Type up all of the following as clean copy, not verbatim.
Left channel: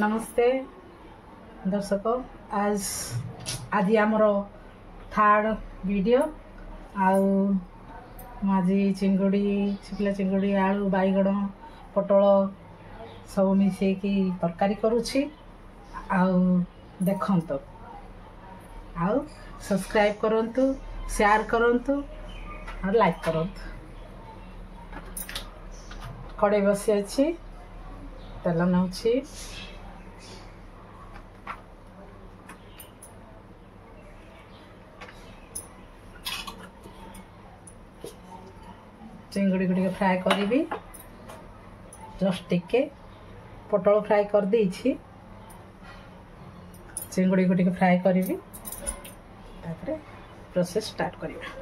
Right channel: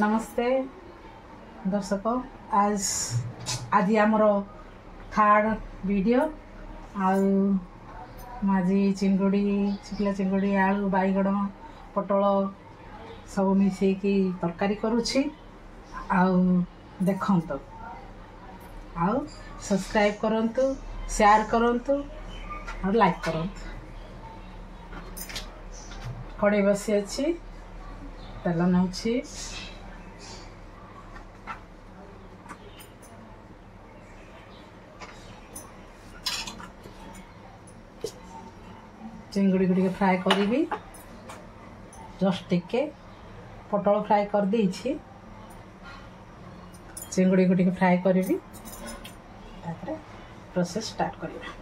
नमस्ते दर्शक आज आज आमर थर्ड वीडियो आजी चिंगुड़ी शुखला चिंगुड़ी आलू बैगण पटल सब मिसेकी तरकारी करुछि देखंतु आउ सब्सक्राइब करंतु शेयर करंतु और लाइक करंतु। कड़े बसी अच्छी तेल नौछि चिंगुड़ी गुड़ी फ्राए करी जस्ट टिके पटल फ्राए कर देछि चिंगुड़ी गुड़ी फ्राए करी प्रोसेस स्टार्ट करिया।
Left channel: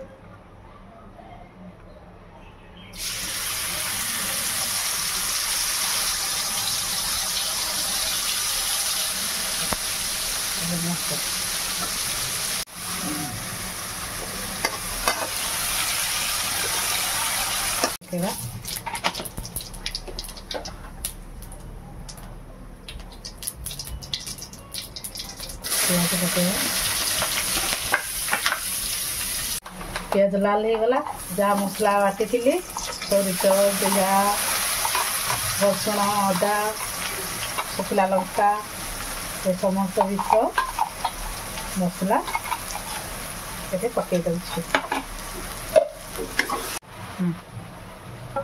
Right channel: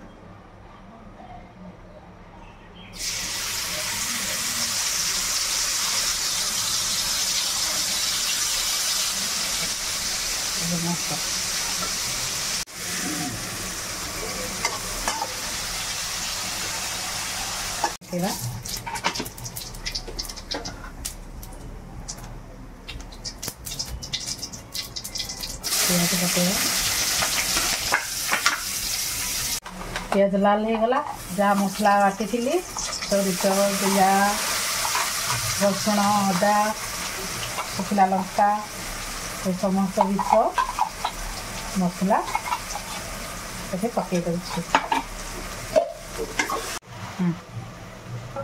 पियाज लाल हो गला जहाँ मसला बाटी थी सरिष जीरा रसुण अदा शुखला लंका ये समस्त विष मसला पकई दे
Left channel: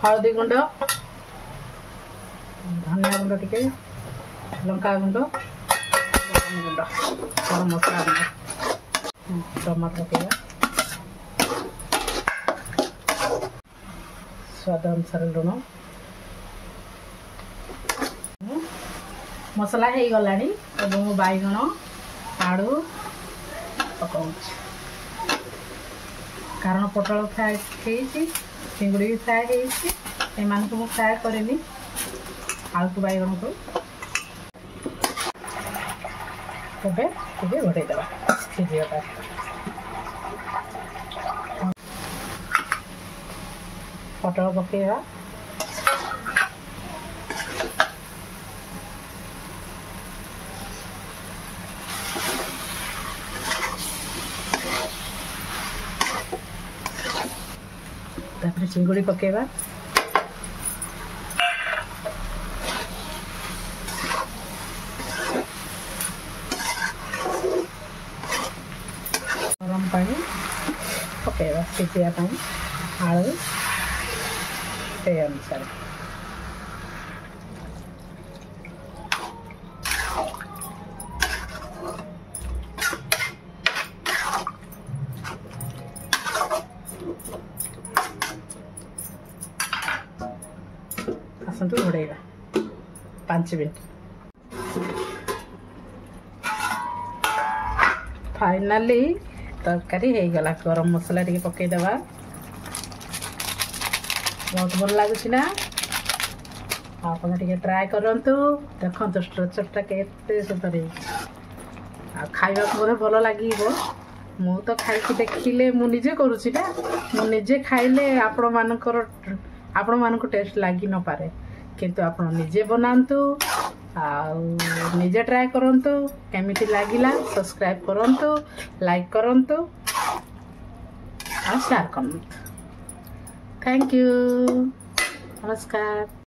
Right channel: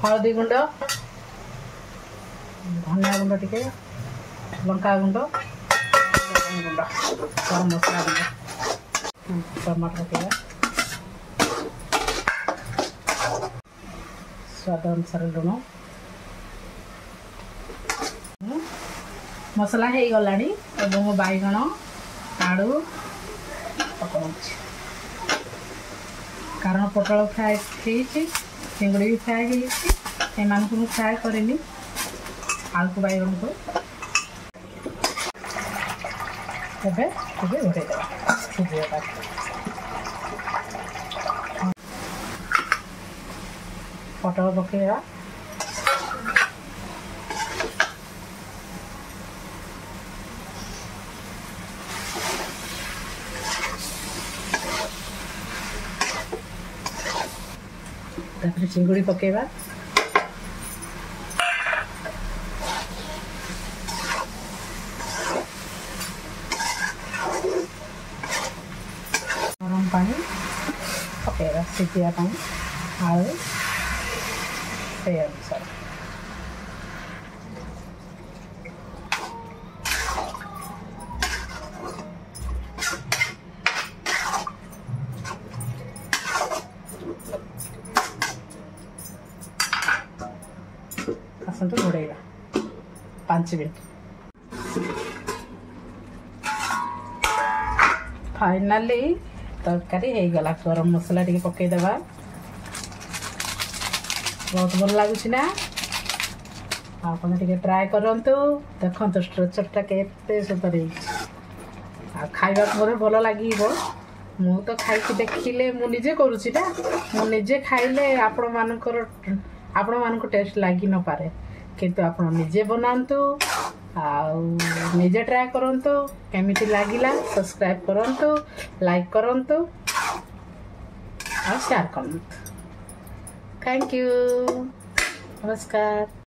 हलदी गुंड धनिया गुंड टिके लंका गुंड गुंड गरम मसला गुंड टमाटर पकेगा स्वाद अनुसार लुण मसला हो गला बैगण आलू पकाऊ कारण पटल फ्राए चिंगुड़ी भी फ्राए हो फ्राए करनी आलू को बैगण को घोड़ेदेवा सीझा पटल पकेगा चिंगुड़ी पकेगा गरम पानी पकेगा सीझा आलू पे अनुसार आसतु घोड़ेगा 5 मिनट। फाइनाली तरकारी हो गला गरम मसला टी पकईदेवा बहुत भल लगुच ना आप ट्राए करंतु देखंतु स्ट्रक्चरटा केते सुपर खाइबा मोर भल लागिबो मु तो खाइकी देखिले मु निजे करूची ना मु निजे खाइले आपण मानको टेस्ट लागी न पारे किंतु आपण निजे बनांतु निजे ट्राए करंतु केमिति लागिला सब्सक्राइब करंतु लाइक करंतु और शेयर करंतु। थैंक यू नमस्कार।